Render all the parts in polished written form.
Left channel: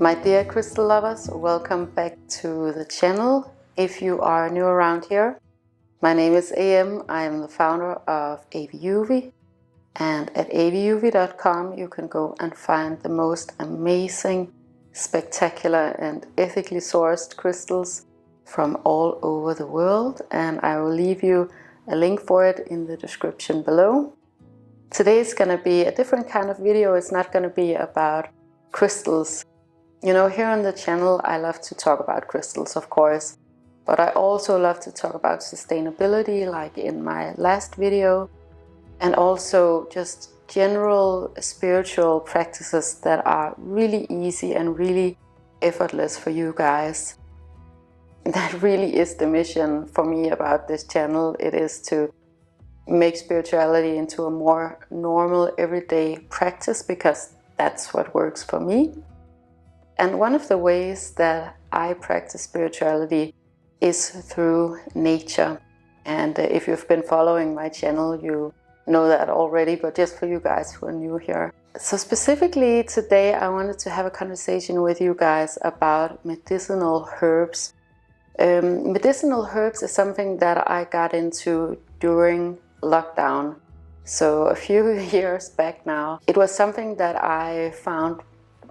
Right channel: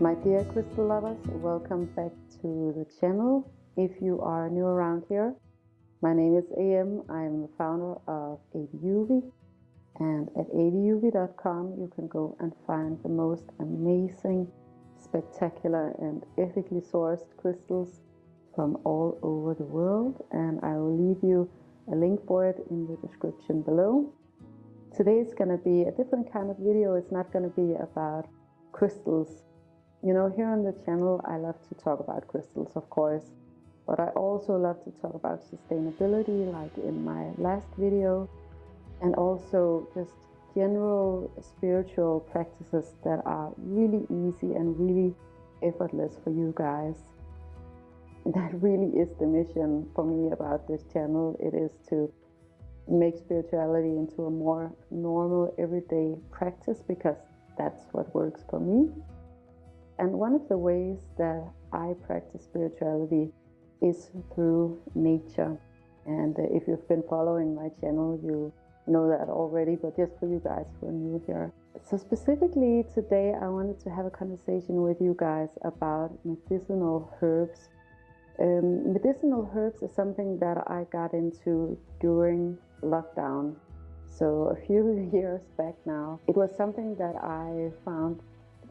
My dear crystal lovers, welcome back to the channel. If you are new around here, my name is AM. I am the founder of AVIUVI, and at aviuvi.com you can go and find the most amazing, spectacular and ethically sourced crystals from all over the world, and I will leave you a link for it in the description below. Today is going to be a different kind of video. It's not going to be about crystals. You know, here on the channel I love to talk about crystals, of course, but I also love to talk about sustainability, like in my last video, and also just general spiritual practices that are really easy and really effortless for you guys. That really is the mission for me about this channel. It is to make spirituality into a more normal, everyday practice, because that's what works for me. And one of the ways that I practice spirituality is through nature. And if you've been following my channel, you know that already, but just for you guys who are new here. So specifically today, I wanted to have a conversation with you guys about medicinal herbs. Medicinal herbs is something that I got into during lockdown. So a few years back now. It was something that I found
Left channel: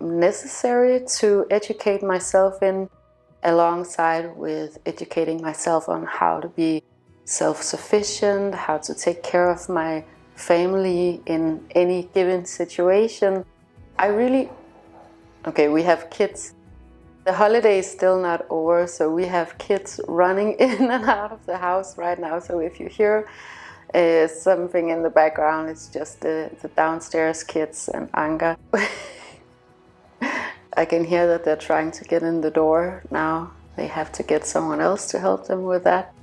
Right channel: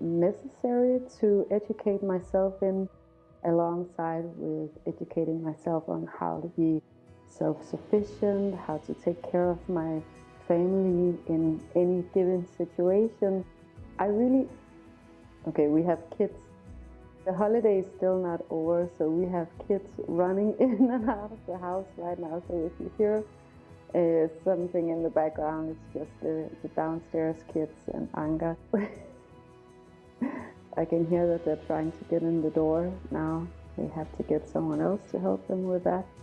necessary to educate myself in, alongside with educating myself on how to be self-sufficient, how to take care of my family in any given situation. We have kids. The holiday is still not over, so we have kids running in and out of the house right now. So if you hear something in the background, it's just the downstairs kids and Anka. I can hear that they're trying to get in the door now. They have to get someone else to help them with that.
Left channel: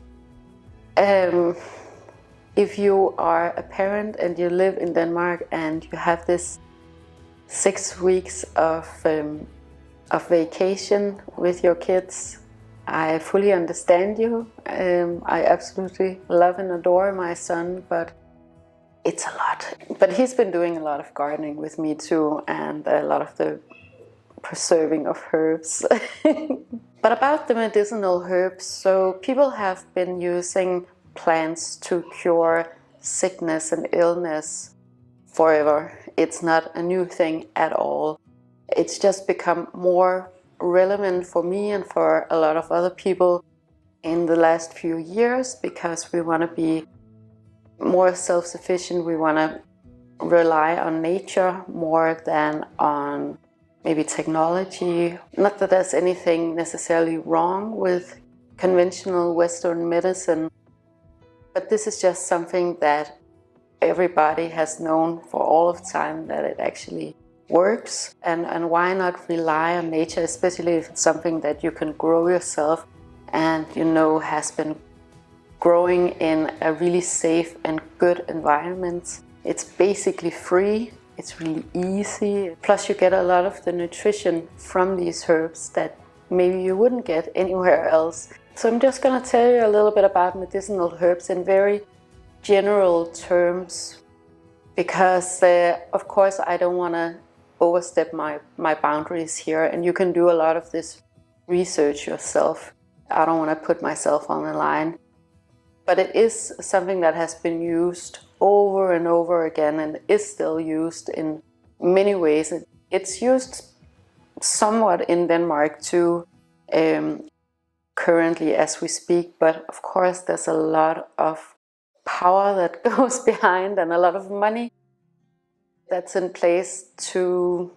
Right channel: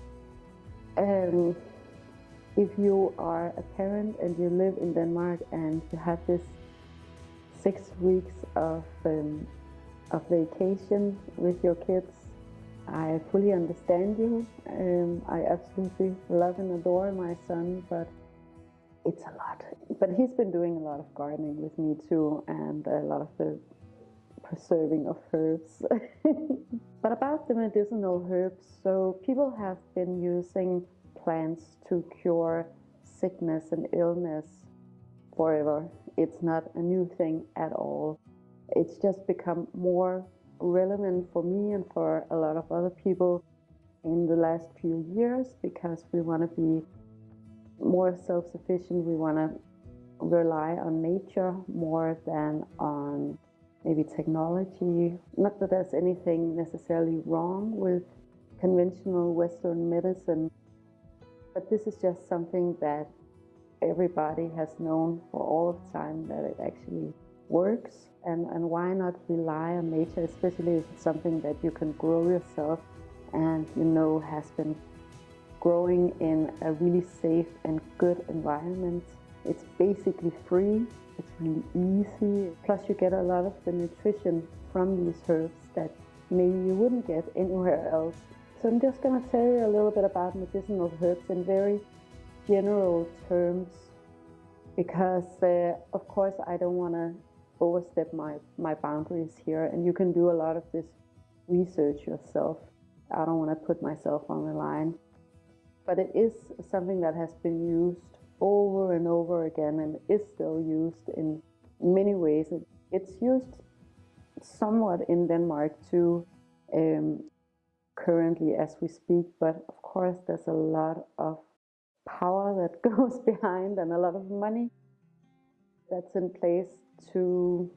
If you are a parent and you live in Denmark and you have this 6 weeks of vacation with your kids, I fully understand you. I absolutely love and adore my son, but it's a lot. But he's been doing a lot of gardening with me too, and a lot of the preserving of herbs. But about the medicinal herbs, so people have been using plants to cure sickness and illness forever. It's not a new thing at all. It's just become more relevant for me and for a lot of other people in the last few years, because we want to be more self-sufficient. We want to rely on nature more than on maybe technology. Not that there's anything necessarily wrong with conventional Western medicine, but this is just something that everybody has known for all of time, that it actually works. And why not rely on nature, especially if it's something that you can grow yourself and you know has been growing in a really safe and good environment. It's basically free. It's really easy. Plus you get a lot of the nutrition from these herbs that maybe you wouldn't get anywhere else. So I'm just going to tell you a little bit about medicinal herbs in very general terms, because of course I don't want to overstep my boundaries here, and you can do a lot of this research yourself. I don't want to put myself on the line. But it is something that has been used over and over again and is still used in many ways. It's used somewhat in Denmark too, currently as we speak, but of course there's a lot of power that goes behind and a lot of money that's in place to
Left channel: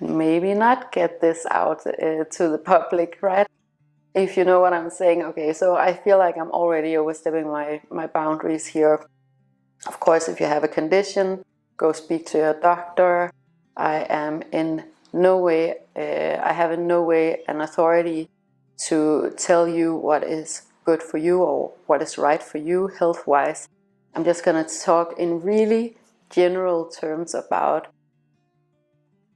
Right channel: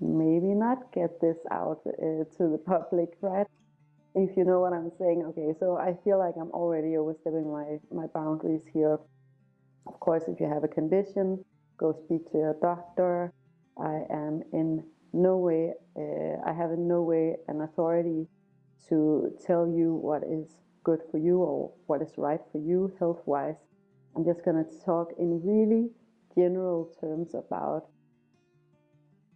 maybe not get this out to the public, right? If you know what I'm saying. Okay, so I feel like I'm already overstepping my boundaries here. Of course, if you have a condition, go speak to your doctor. I have in no way an authority to tell you what is good for you or what is right for you health-wise. I'm just going to talk in really general terms about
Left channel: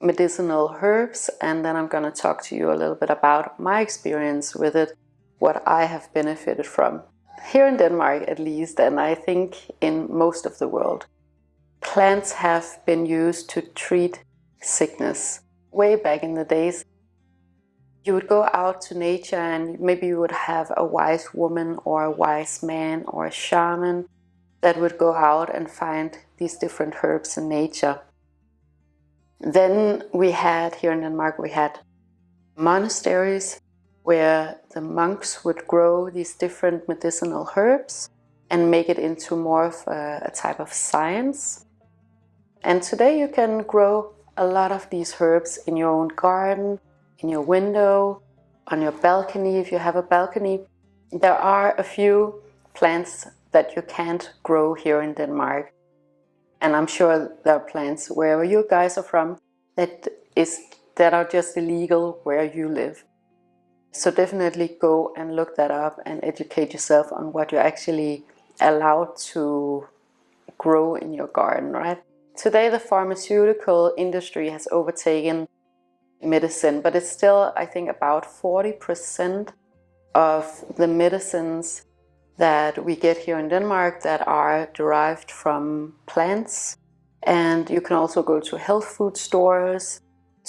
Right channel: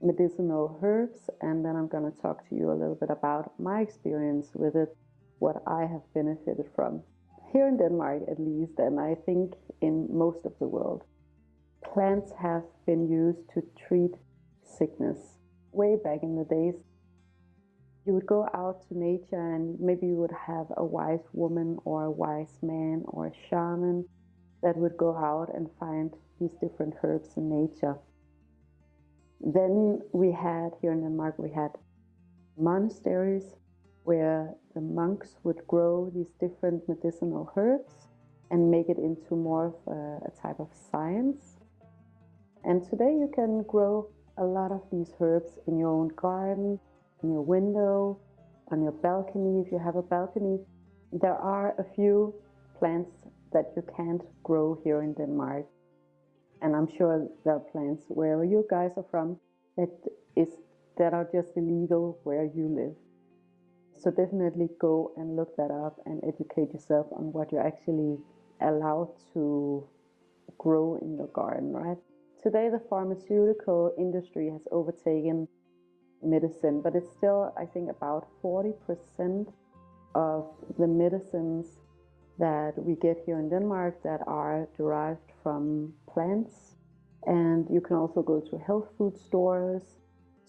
medicinal herbs, and then I'm going to talk to you a little bit about my experience with it, what I have benefited from. Here in Denmark at least, and I think in most of the world, plants have been used to treat sickness. Way back in the days, You would go out to nature and maybe you would have a wise woman or a wise man or a shaman that would go out and find these different herbs in nature. Then we had, here in Denmark, we had monasteries where the monks would grow these different medicinal herbs and make it into more of a type of science. And today you can grow a lot of these herbs in your own garden, in your window, on your balcony if you have a balcony. There are a few plants that you can't grow here in Denmark. And I'm sure there are plants wherever you guys are from that are just illegal where you live. So definitely go and look that up and educate yourself on what you're actually allowed to grow in your garden, right? Today the pharmaceutical industry has overtaken medicine, but it's still, I think, about 40% of the medicines that we get here in Denmark that are derived from plants. And you can also go to health food stores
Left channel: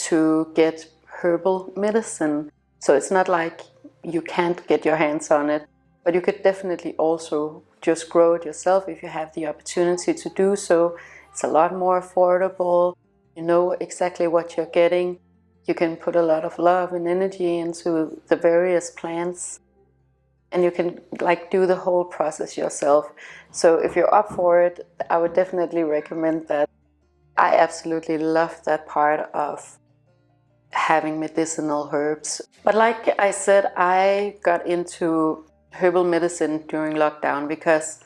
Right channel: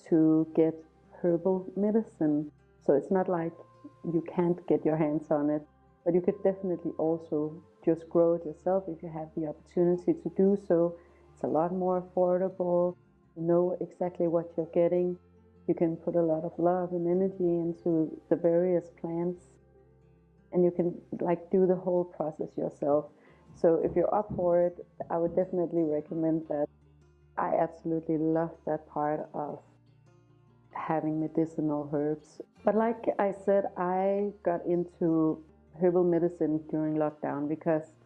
to get herbal medicine. So it's not like you can't get your hands on it, but you could definitely also just grow it yourself if you have the opportunity to do so. It's a lot more affordable. You know exactly what you're getting. You can put a lot of love and energy into the various plants, and you can do the whole process yourself. So if you're up for it, I would definitely recommend that. I absolutely love that part of having medicinal herbs. But like I said, I got into herbal medicine during lockdown because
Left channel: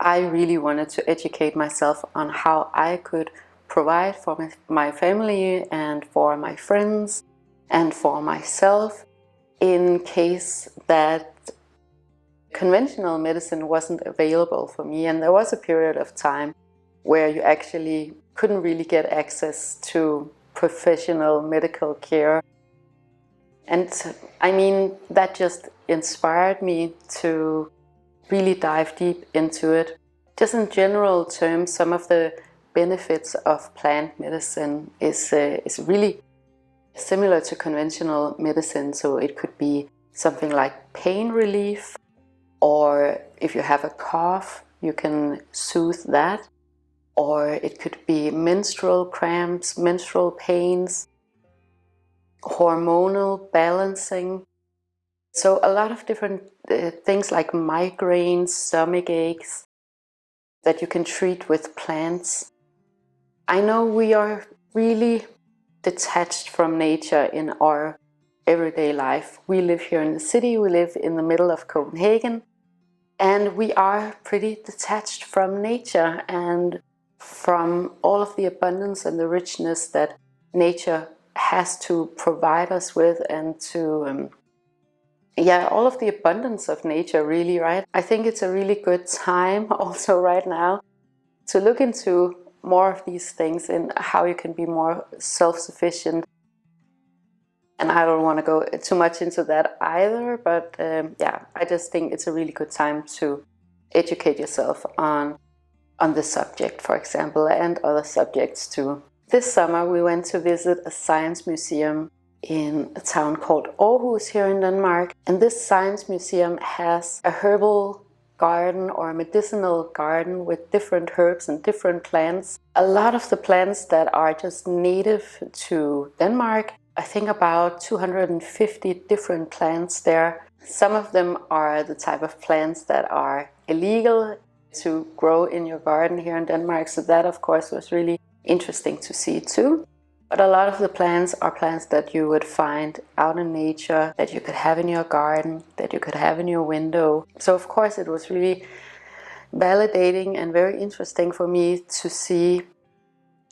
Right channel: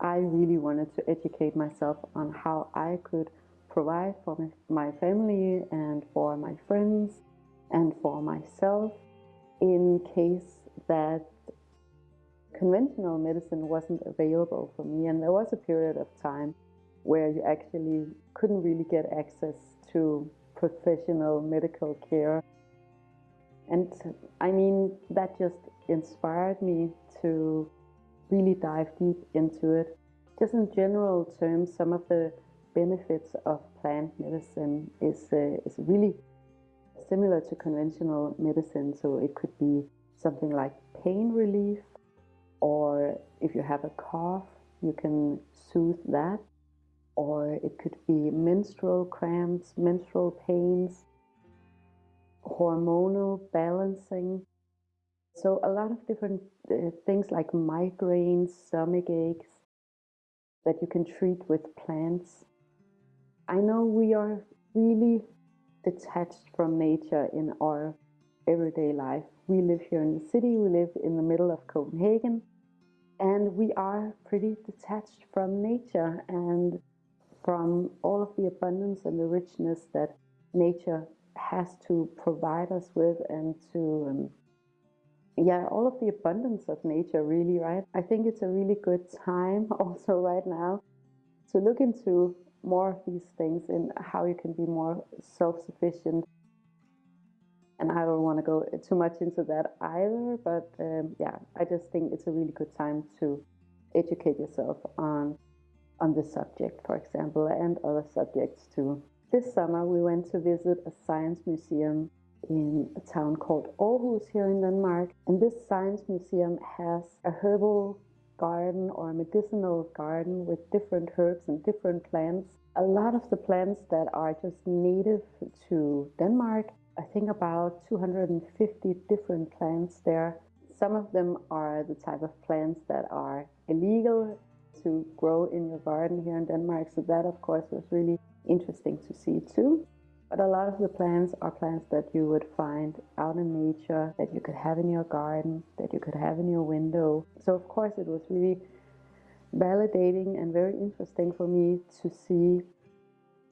I really wanted to educate myself on how I could provide for my family and for my friends and for myself in case that conventional medicine wasn't available for me. And there was a period of time where you actually couldn't really get access to professional medical care. And I mean, that just inspired me to really dive deep into it. Just in general terms, some of the benefits of plant medicine is really similar to conventional medicine. So it could be something like pain relief, or if you have a cough, you can soothe that. Or it could be menstrual cramps, menstrual pains, hormonal balancing. So a lot of different things like migraines, stomach aches that you can treat with plants. I know we are really detached from nature in our everyday life. We live here in the city, we live in the middle of Copenhagen, and we are pretty detached from nature and from all of the abundance and the richness that nature has to provide us with, and to all of the abundance of nature, really, right? I think it's a really good time also right now to look into more of these things and how you can be more self-sufficient. And I don't want to go too much into that either, but I just think it's a really good time to educate yourself on the subject, for example, and other subjects too. This summer we went to visit a science museum in a town called Aarhus here in Denmark. And this science museum has a herbal garden or a medicinal garden with different herbs and different plants. A lot of the plants that are just native to Denmark. I think about 250 different plants there. Some of them are the type of plants that are illegal to grow in your garden here in Denmark. So that, of course, was really interesting to see too. But a lot of the plants are plants that you would find out in nature, that you could have in your garden, that you could have in your window. So of course it was really validating and very interesting for me to see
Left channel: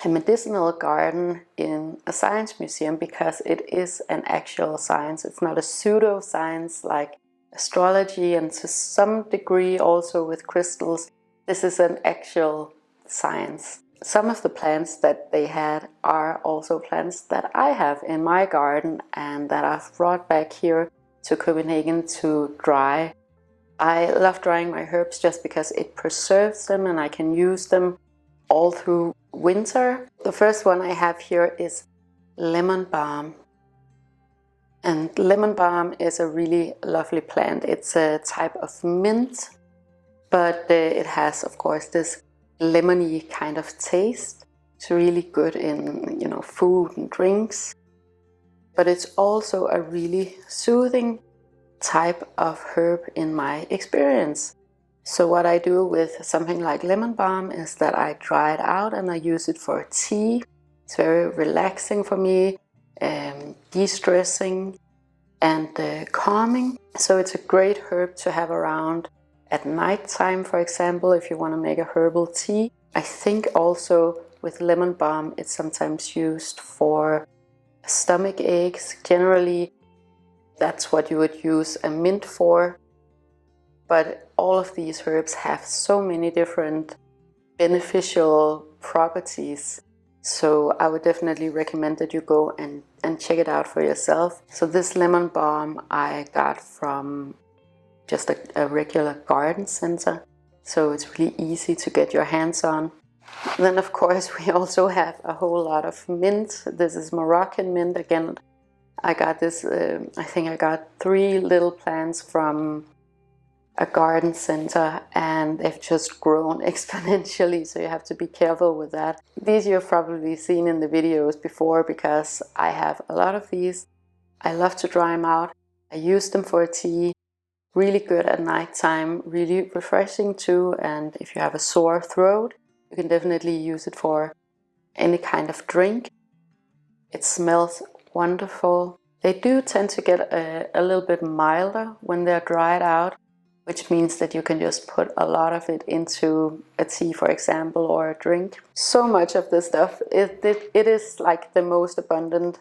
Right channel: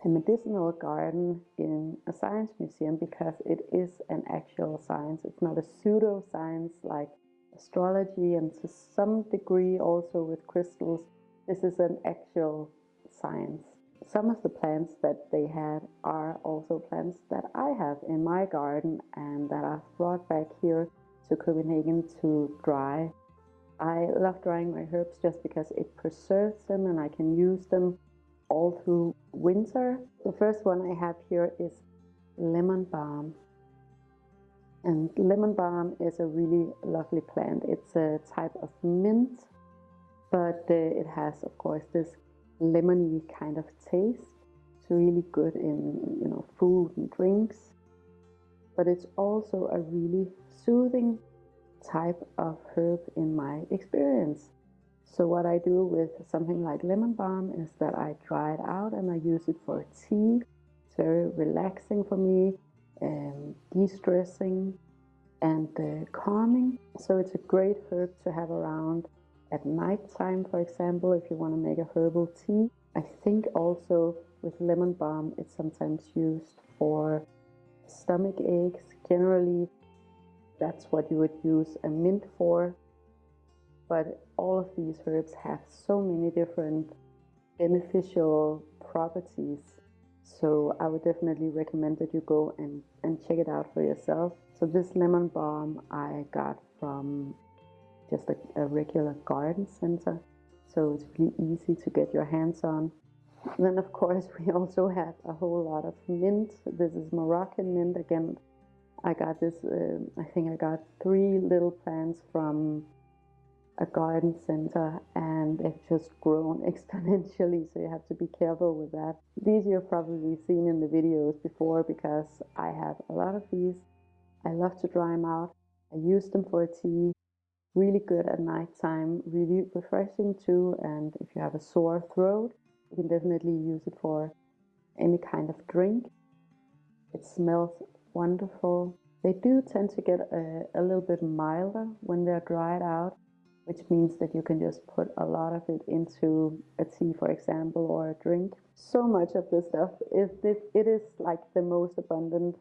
a medicinal garden in a science museum, because it is an actual science. It's not a pseudoscience like astrology, and to some degree also with crystals. This is an actual science. Some of the plants that they had are also plants that I have in my garden and that I've brought back here to Copenhagen to dry. I love drying my herbs just because it preserves them and I can use them all through winter. The first one I have here is lemon balm. And lemon balm is a really lovely plant. It's a type of mint, but it has, of course, this lemony kind of taste. It's really good in, you know, food and drinks. But it's also a really soothing type of herb in my experience. So what I do with something like lemon balm is that I dry it out and I use it for tea. It's very relaxing for me, de-stressing and calming. So it's a great herb to have around at night time, for example, if you want to make a herbal tea. I think also with lemon balm it's sometimes used for stomach aches. Generally that's what you would use a mint for. But all of these herbs have so many different beneficial properties. So I would definitely recommend that you go and check it out for yourself. So this lemon balm I got from just a regular garden center. So it's really easy to get your hands on. Then of course we also have a whole lot of mint. This is Moroccan mint. Again, I got this, I think I got 3 little plants from a garden center and they've just grown exponentially, so you have to be careful with that. These you've probably seen in the videos before because I have a lot of these. I love to dry them out. I use them for tea. Really good at nighttime, really refreshing too, and if you have a sore throat you can definitely use it for any kind of drink. It smells wonderful. They do tend to get a little bit milder when they're dried out, which means that you can just put a lot of it into a tea, for example, or a drink. So much of this stuff, it is like the most abundant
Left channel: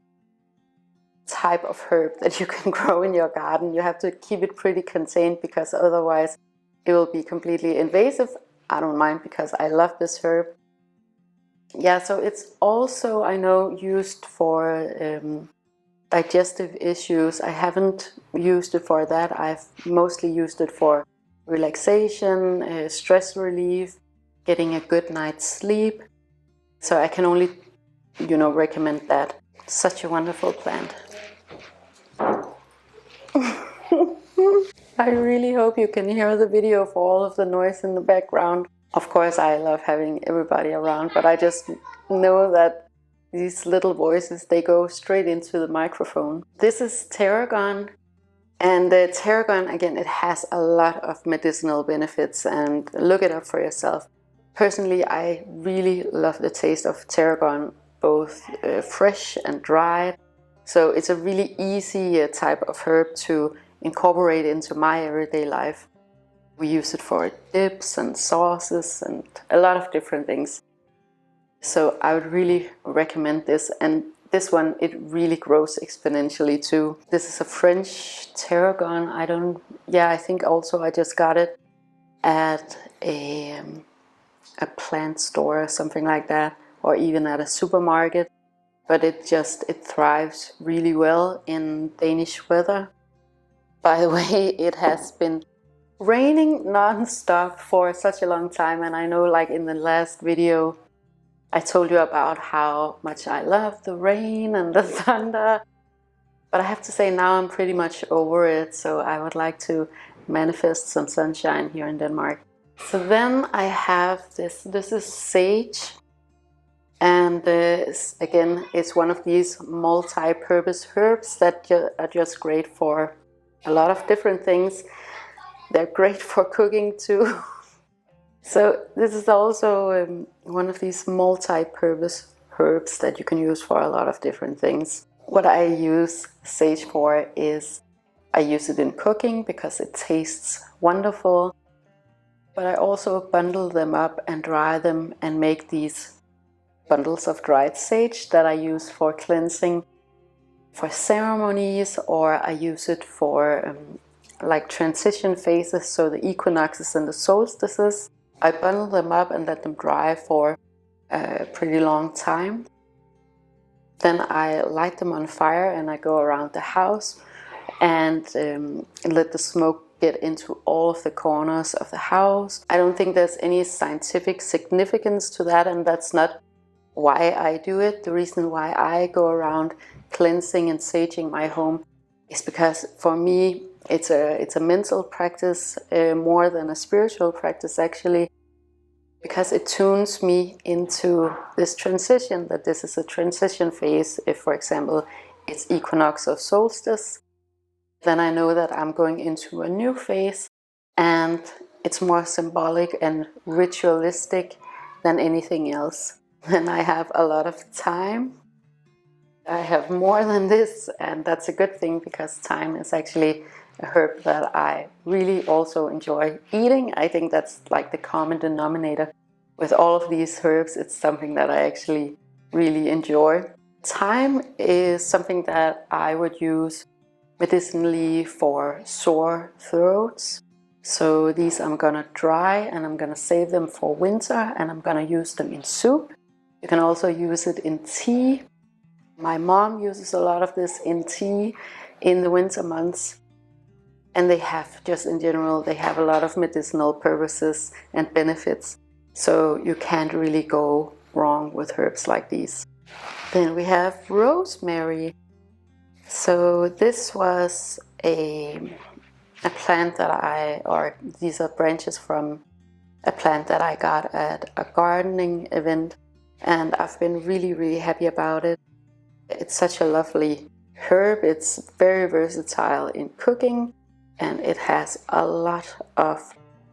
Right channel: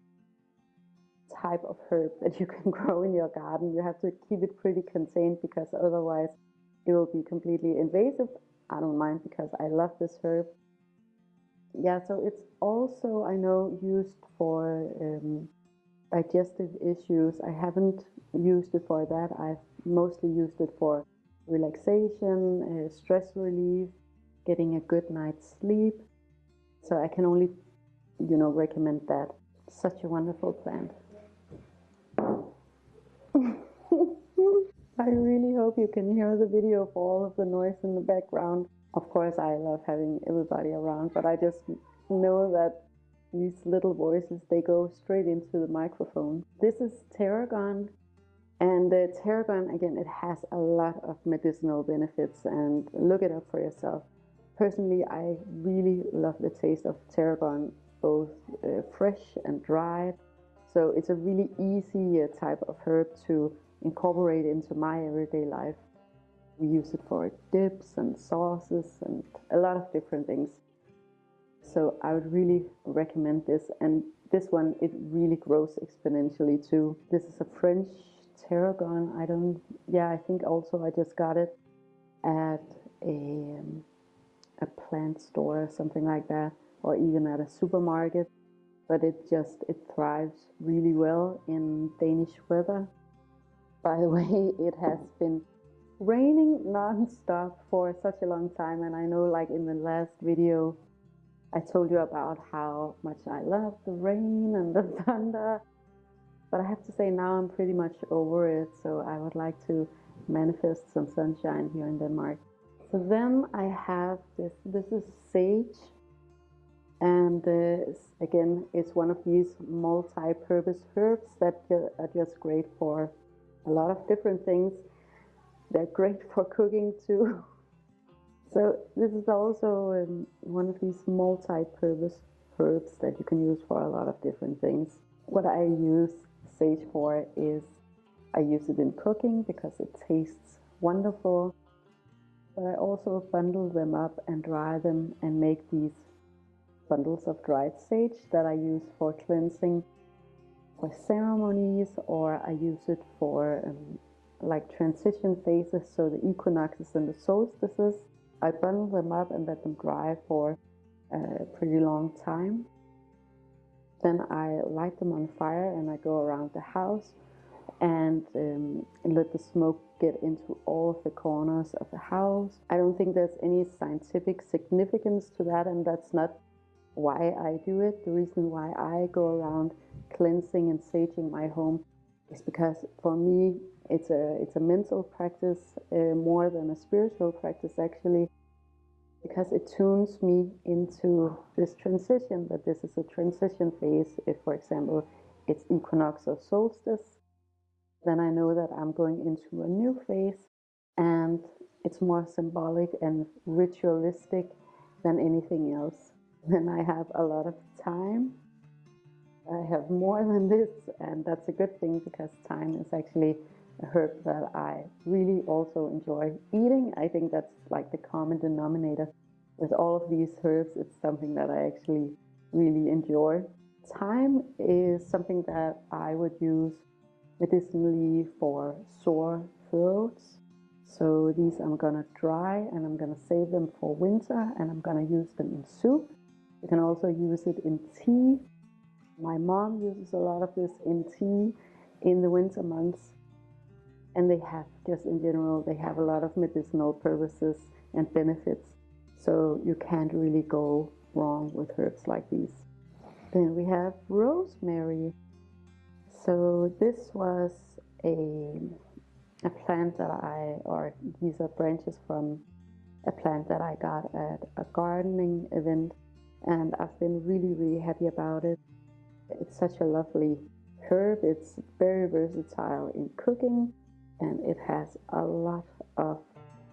type of herb that you can grow in your garden. You have to keep it pretty contained because otherwise it will be completely invasive. I don't mind because I love this herb. Yeah, so it's also, I know, used for digestive issues. I haven't used it for that. I've mostly used it for relaxation, stress relief, getting a good night's sleep. So I can only, you know, recommend that. Such a wonderful plant. I really hope you can hear the video for all of the noise in the background. Of course, I love having everybody around, but I just know that these little voices, they go straight into the microphone. This is Tarragon, and Tarragon, again, it has a lot of medicinal benefits, and look it up for yourself. Personally, I really love the taste of Tarragon, both fresh and dried. So it's a really easy type of herb to incorporate into my everyday life. We use it for dips and sauces and a lot of different things. So I would really recommend this, and this one, it really grows exponentially too. This is a French Tarragon. I think also I just got it at a plant store or something like that, or even at a supermarket. But it thrives really well in Danish weather. By the way, it has been raining non-stop for such a long time, and I know, like in the last video I told you about how much I love the rain and the thunder, but I have to say now I'm pretty much over it, so I would like to manifest some sunshine here in Denmark. So then I have this is sage, and again, it's one of these multi-purpose herbs that are just great for a lot of different things. They're great for cooking too. So this is also one of these multi-purpose herbs that you can use for a lot of different things. What I use sage for is I use it in cooking because it tastes wonderful, but I also bundle them up and dry them and make these bundles of dried sage that I use for cleansing, for ceremonies, or I use it for like transition phases, so the equinoxes and the solstices. I bundle them up and let them dry for a pretty long time. Then I light them on fire and I go around the house and let the smoke get into all of the corners of the house. I don't think there's any scientific significance to that, and that's not why I do it. The reason why I go around cleansing and saging my home is because for me it's a mental practice more than a spiritual practice actually, because it tunes me into this transition, that this is a transition phase. If, for example, it's equinox or solstice, then I know that I'm going into a new phase, and it's more symbolic and ritualistic than anything else. And I have a lot of time. I have more than this, and that's a good thing, because thyme is actually a herb that I really also enjoy eating. I think that's like the common denominator with all of these herbs. It's something that I actually really enjoy. Thyme is something that I would use medicinally for sore throats. So these I'm gonna dry and I'm gonna save them for winter, and I'm gonna use them in soup. You can also use it in tea. My mom uses a lot of this in tea in the winter months. And they have, just in general, they have a lot of medicinal purposes and benefits. So you can't really go wrong with herbs like these. Then we have rosemary. So this was a plant that these are branches from a plant that I got at a gardening event. And I've been really, really happy about it. It's such a lovely herb. It's very versatile in cooking, and it has a lot of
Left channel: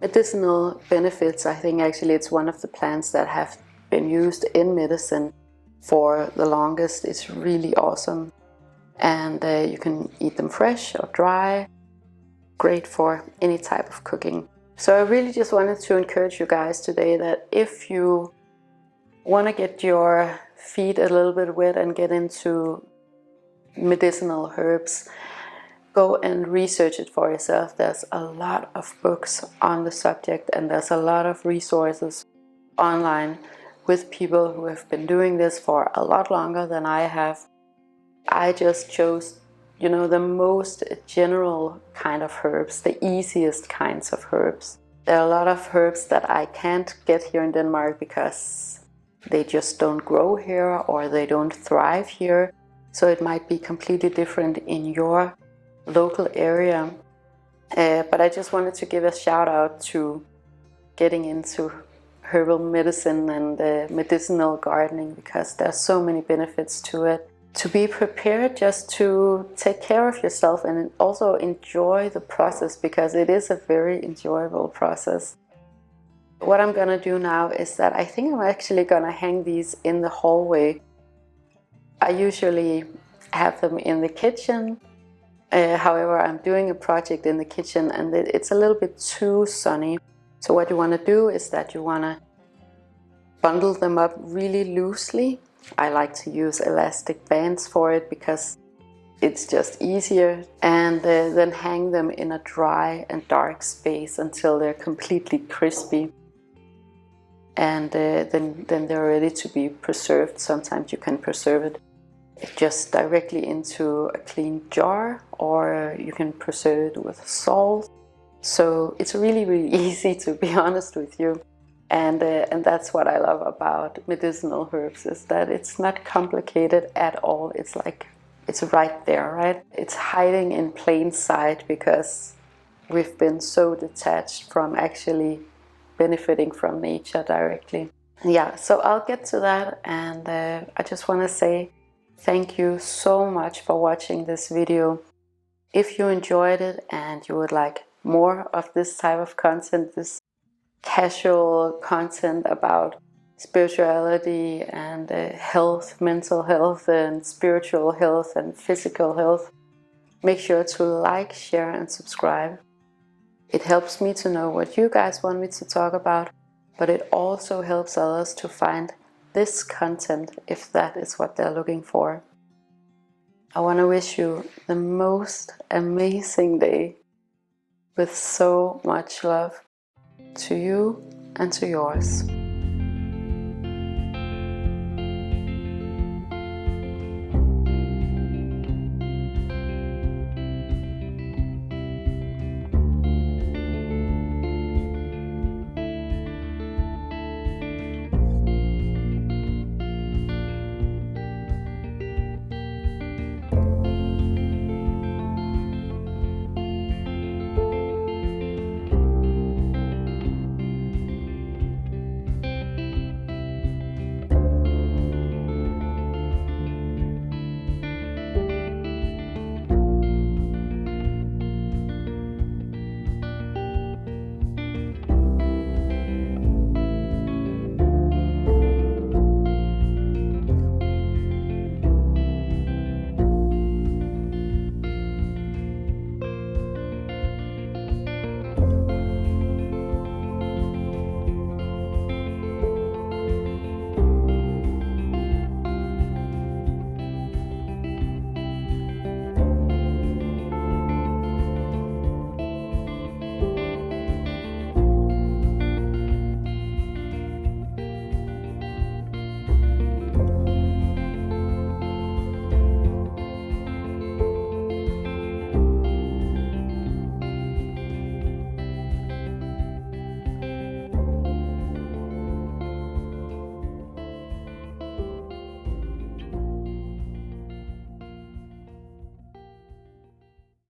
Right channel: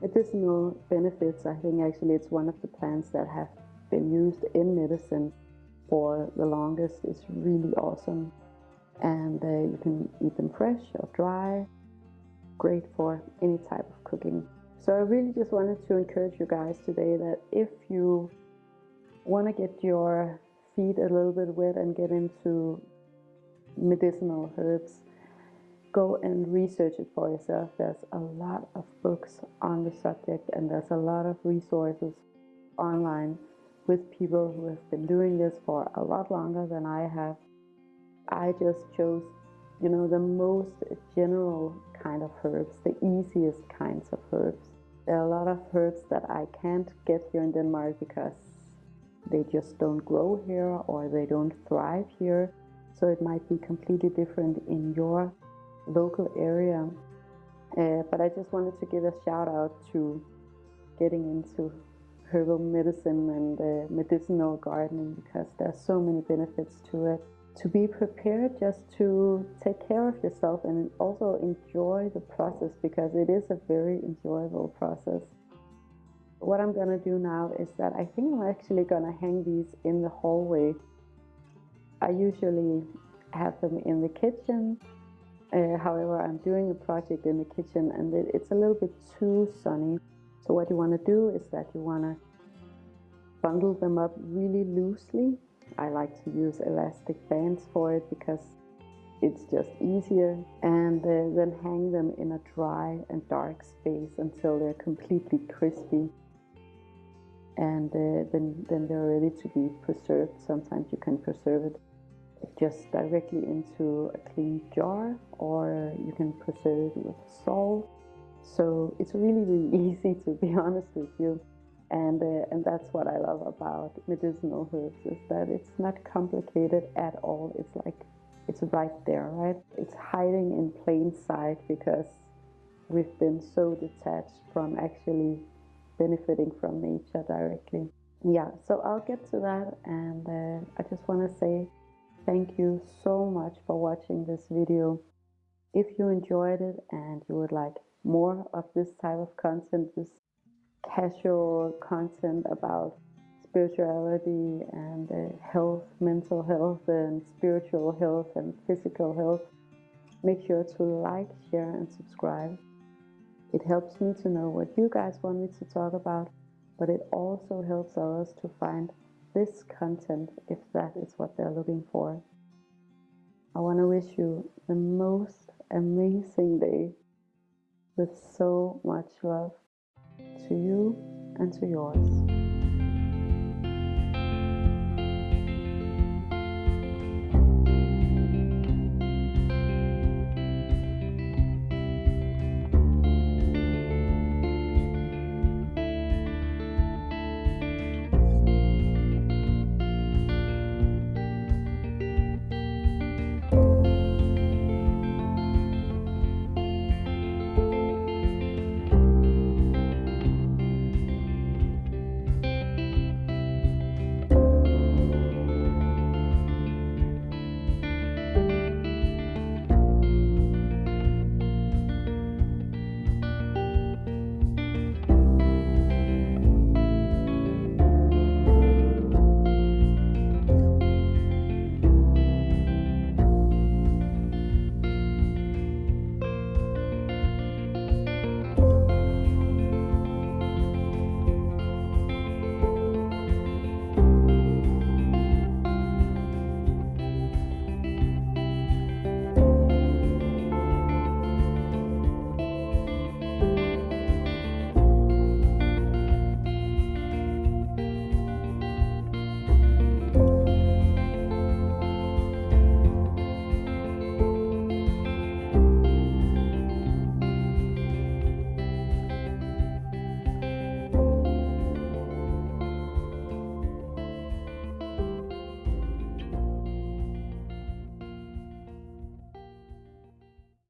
medicinal benefits. I think actually it's one of the plants that have been used in medicine for the longest. It's really awesome. And you can eat them fresh or dry. Great for any type of cooking. So I really just wanted to encourage you guys today that if you want to get your feet a little bit wet and get into medicinal herbs, go and research it for yourself. There's a lot of books on the subject, and there's a lot of resources online with people who have been doing this for a lot longer than I have. I just chose, the most general kind of herbs, the easiest kinds of herbs. There are a lot of herbs that I can't get here in Denmark because they just don't grow here or they don't thrive here. So it might be completely different in your local area. But I just wanted to give a shout out to getting into herbal medicine and medicinal gardening, because there's so many benefits to it. To be prepared just to take care of yourself and also enjoy the process, because it is a very enjoyable process. What I'm gonna do now is that I think I'm actually gonna hang these in the hallway. I usually have them in the kitchen. However, I'm doing a project in the kitchen and it's a little bit too sunny. So what you want to do is that you want to bundle them up really loosely. I like to use elastic bands for it because it's just easier. And then hang them in a dry and dark space until they're completely crispy. And then they're ready to be preserved. Sometimes you can preserve it just directly into a clean jar, or you can preserve it with salt. So it's really, really easy, to be honest with you. And that's what I love about medicinal herbs, is that it's not complicated at all. It's like, it's right there, right? It's hiding in plain sight because we've been so detached from actually benefiting from nature directly. Yeah, so I'll get to that, and I just want to say thank you so much for watching this video. If you enjoyed it and you would like more of this type of content, this casual content about spirituality and health, mental health and spiritual health and physical health, make sure to like, share and subscribe. It helps me to know what you guys want me to talk about, but it also helps others to find this content if that is what they're looking for. I want to wish you the most amazing day with so much love to you and to yours.